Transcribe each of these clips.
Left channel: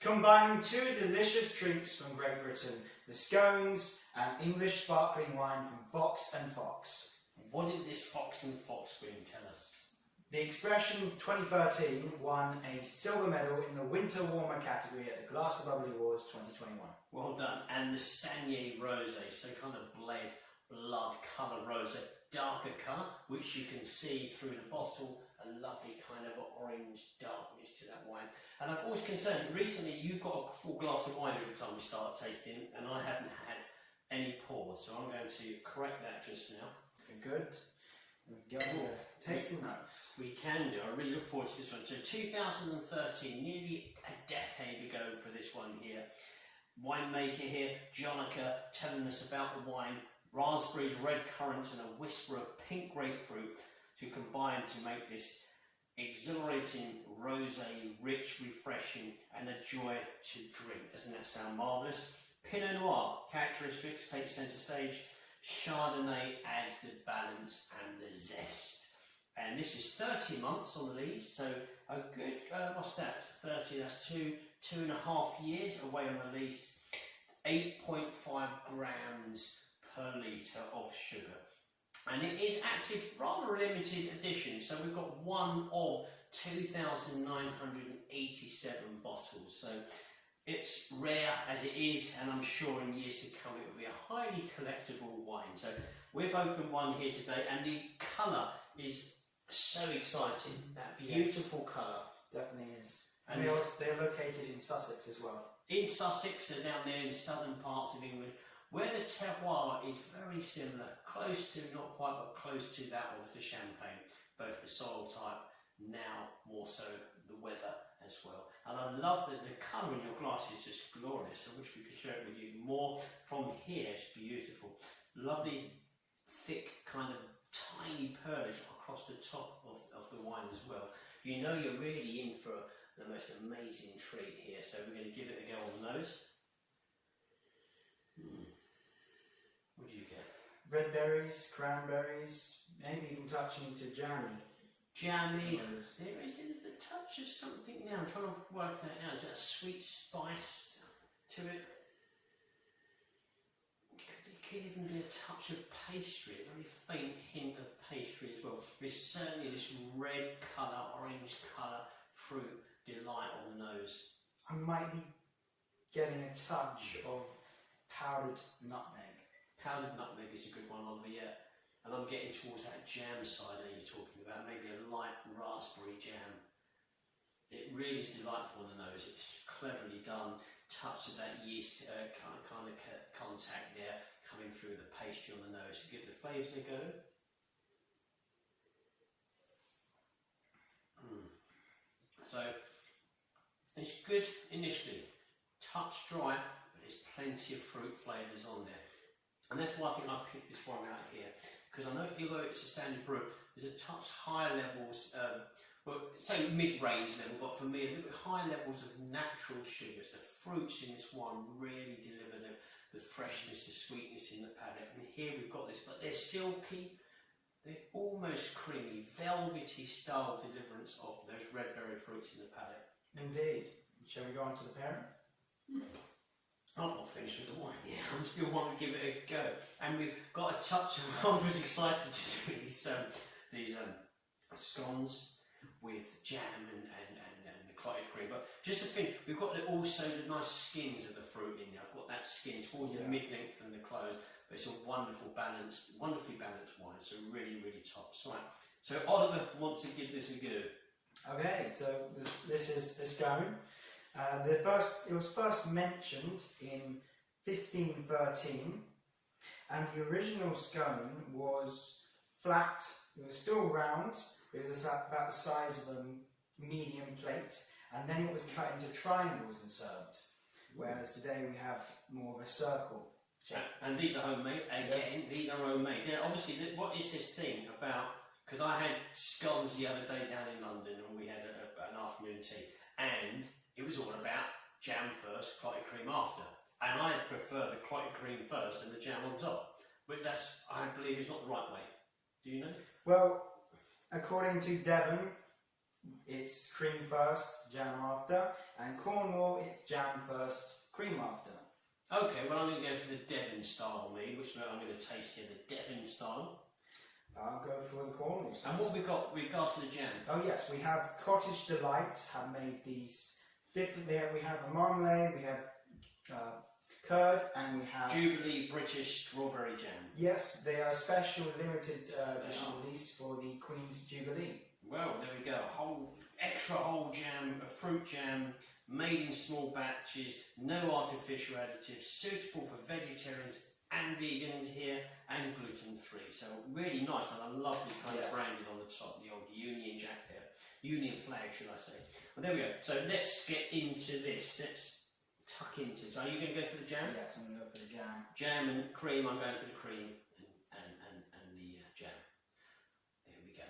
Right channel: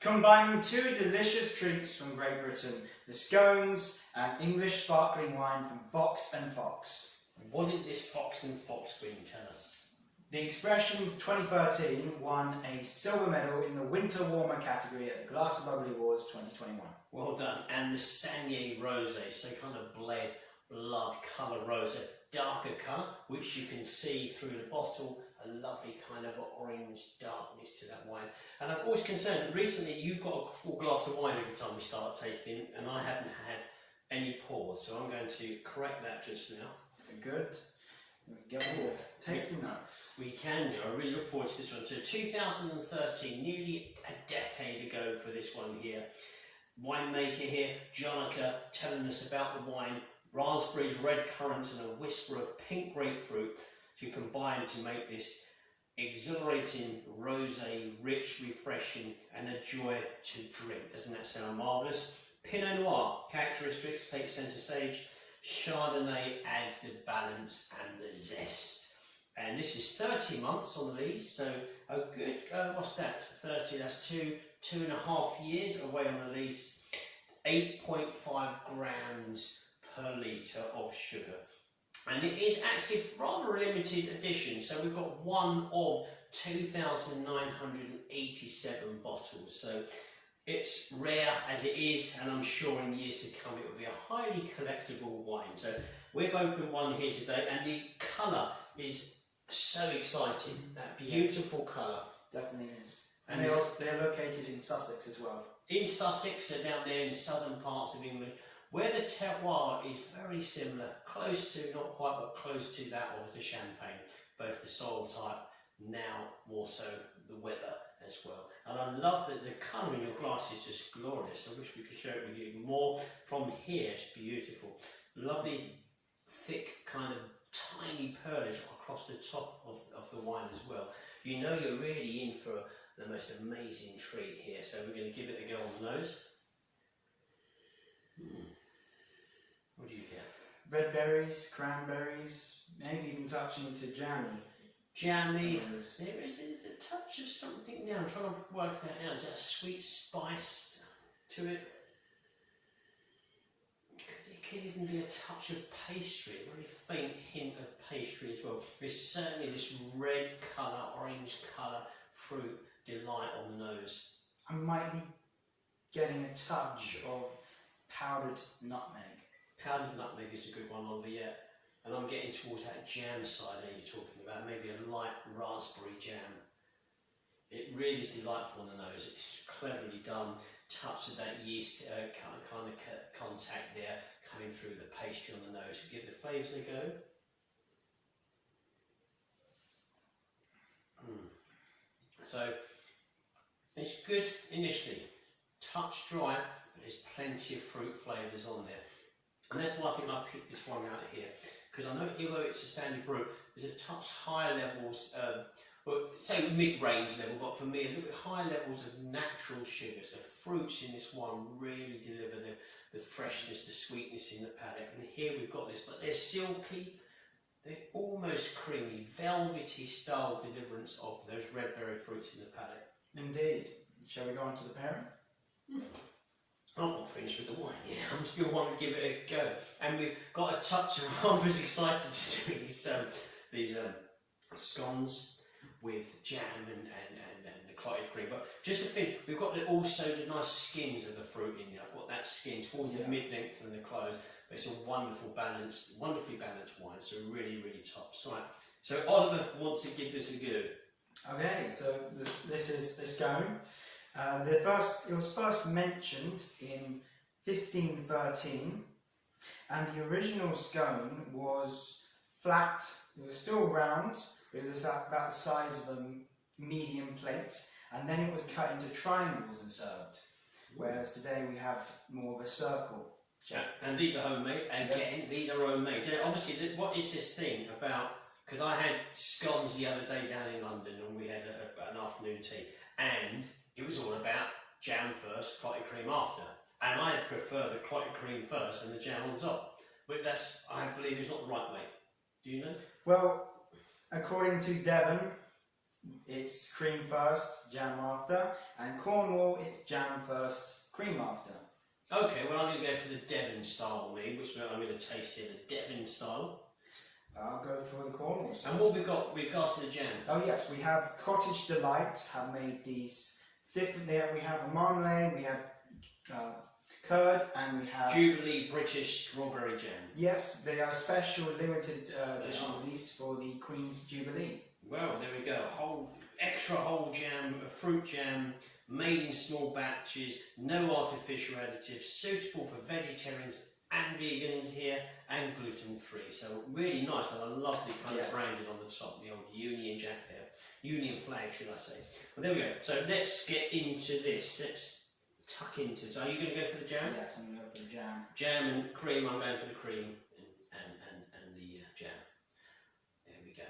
Combining two delicious treats from Great Britain, the scones and English sparkling wine from Fox and Fox. What did this Fox and Fox bring? Tell us. The Expression 2013 won a silver medal in the Winter Warmer category at the Glass of Bubbly Awards 2021. Well done. And the Saignée rosé, so kind of blood colour rosé, darker colour, which you can see through the bottle, a lovely kind of orange darkness to that wine. And I'm always concerned, recently you've got a full glass of wine every time we start tasting, and I haven't had any pours, so I'm going to correct that just now. Good. Get the tasting notes. We can do. I really look forward to this one. So 2013, nearly a decade ago for this one here. Winemaker here, Jonica, telling us about the wine. Raspberries, red currants and a whisper of pink grapefruit to combine to make this exhilarating rosé, rich, refreshing and a joy to drink. Doesn't that sound marvellous? Pinot Noir characteristics take centre stage. Chardonnay adds the balance and the zest. And this is 30 months on the lees, so a good, what's that? 30, that's two and a half years away on the lease. 8.5 grams per litre of sugar. And it is actually rather a limited edition, so we've got one of 2,987 bottles. So it's rare as it is, and I'm sure in years to come it will be a highly collectible wine. So we've opened one here today, and the colour is so exciting. That beautiful colour. Definitely is. And they're located in Sussex as well. In Sussex, so down there in southern parts of England, where the terroir is very similar, close to, not quite, but close to that of the Champagne, both the soil type, now more so the weather as well. And I love that the colour in your glass is just glorious. I wish we could share it with you even more from here. It's beautiful. Lovely, thick, kind of tiny pearlish across the top of the wine as well. You know you're really in for the most amazing treat here. So we're going to give it a go on the nose. What do you get? Red berries, cranberries, maybe even touching to jammy. Jammy. There is a touch of something now. I'm trying to work that out. Is that a sweet spice to it? It could even be a touch of pastry, a very faint hint of pastry as well. There's certainly this red colour, orange colour fruit delight on the nose. I might be getting a touch of powdered nutmeg. Powdered nutmeg is a good one, Oliver, yeah. And I'm getting towards that jam side that you're talking about, maybe a light raspberry jam. It really is delightful on the nose. It's cleverly done. Touch of that yeast kind of contact there coming through the pastry on the nose. Give the flavours a go. So it's good initially. Touch dry, but there's plenty of fruit flavours on there. And that's why I think I picked this one out here, because I know although it's a standard brew, there's a touch higher levels, well, say mid-range level, but for me a little bit higher levels of natural sugars. The fruits in this wine really deliver the freshness, the sweetness in the palate. And here we've got this, but they're silky, they're almost creamy, velvety style deliverance of those red berry fruits in the palate. Indeed. Shall we go on to the pairing? I'm not finished with the wine yet. I'm still wanting to give it a go. And we've got a touch of, I was excited to do these scones with jam and the clotted cream. But just to finish, we've got also the nice skins of the fruit in there. I've got that skin towards the mid-length and the close. But it's a wonderfully balanced wine. So really, really top. Right. So Oliver wants to give this a go. Okay, so this is the scone. It was first mentioned in 1513, and the original scone was flat. It was still round. It was about the size of a medium plate, and then it was cut into triangles and served. Whereas today we have more of a circle. And these are homemade. And again, these are homemade. Obviously, what is this thing about? Because I had scones the other day down in London, and we had an afternoon tea, and it was all about jam first, clotted cream after. And I prefer the clotted cream first and the jam on top. But that's, I believe, is not the right way. Do you know? Well, according to Devon, it's cream first, jam after, and Cornwall, it's jam first, cream after. Okay, well I'm going to go for the Devon style, which I'm going to taste here, the Devon style. I'll go for the Cornwall. And what we've got with regards to the jam? Oh yes, we have Cottage Delight, have made these different there. We have a marmalade, we have curd, and we have Jubilee British strawberry jam. Yes, they are special limited edition release for the Queen's Jubilee. Well, there we go. Extra whole jam, a fruit jam, made in small batches, no artificial additives, suitable for vegetarians and vegans here, and gluten-free. So really nice, and a lovely kind of branding on the top, the old Union Jack here. Union flag, should I say. Well, there we go. So let's get into this. Let's tuck into it. So are you going to go for the jam? Yes, I'm going to go for the jam. Jam and cream, I'm going for the cream and the jam. There we go.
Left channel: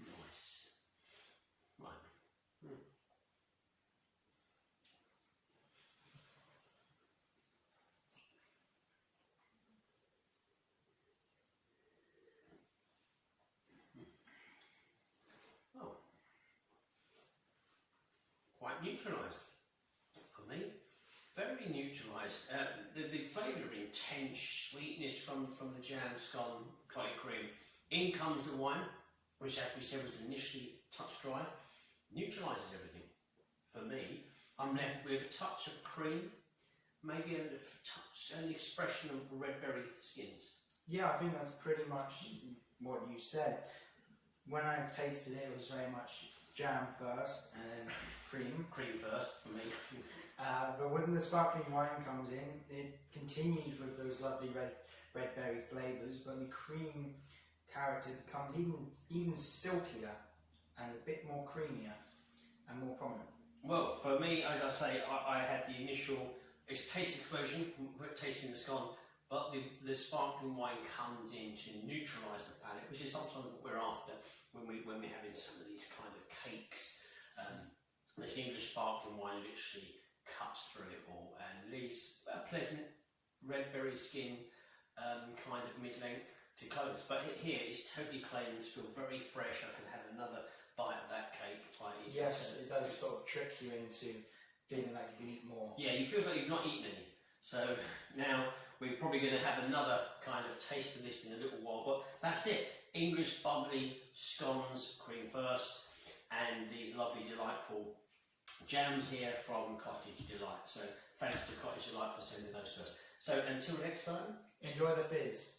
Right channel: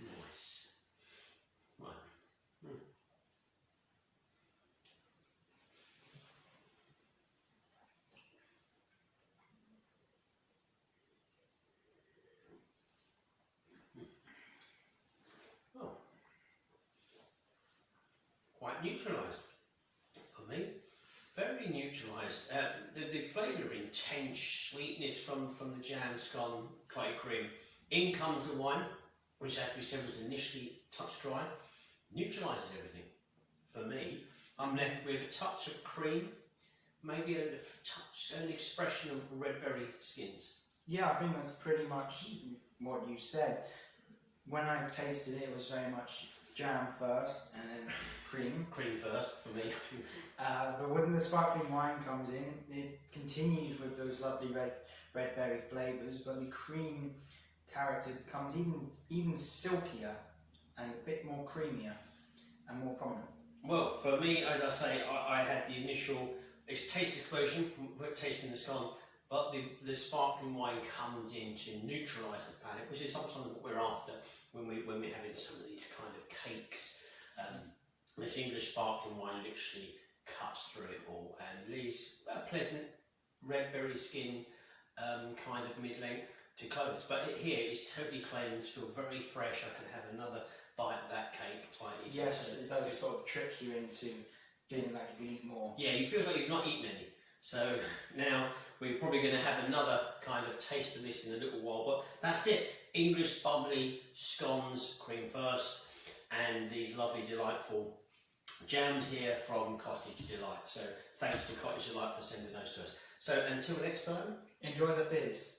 Nice. Right. Oh. Quite neutralised for me. Very neutralised. The flavour of intense sweetness from the jam, scone, clotted cream. In comes the wine, which as we said was initially touch dry. Neutralises everything. For me, I'm left with a touch of cream, maybe a touch, an expression of red berry skins. Yeah, I think that's pretty much what you said. When I tasted it, it was very much jam first and then cream. Cream first for me. But when the sparkling wine comes in, it continues with those lovely red berry flavours, but the cream character becomes even silkier and a bit more creamier and more prominent. Well, for me, as I say, I had the initial taste explosion, tasting the scone, but the sparkling wine comes in to neutralise the palate, which is sometimes what we're after when we're having some of these kind of cakes. This English sparkling wine literally cuts through it all and leaves a pleasant red berry skin, kind of mid-length to close. But here it's totally cleansed, feel very fresh. I can have another bite of that cake quite easily. Yes, it does sort of trick you into feeling like you can eat more. Yeah, you feel like you've not eaten any. So now we're probably going to have another kind of taste of this in a little while. But that's it. English bubbly scones, cream first, and these lovely delightful jams here from Cottage Delight. So thanks to Cottage Delight for sending those to us. So until next time, enjoy the fizz.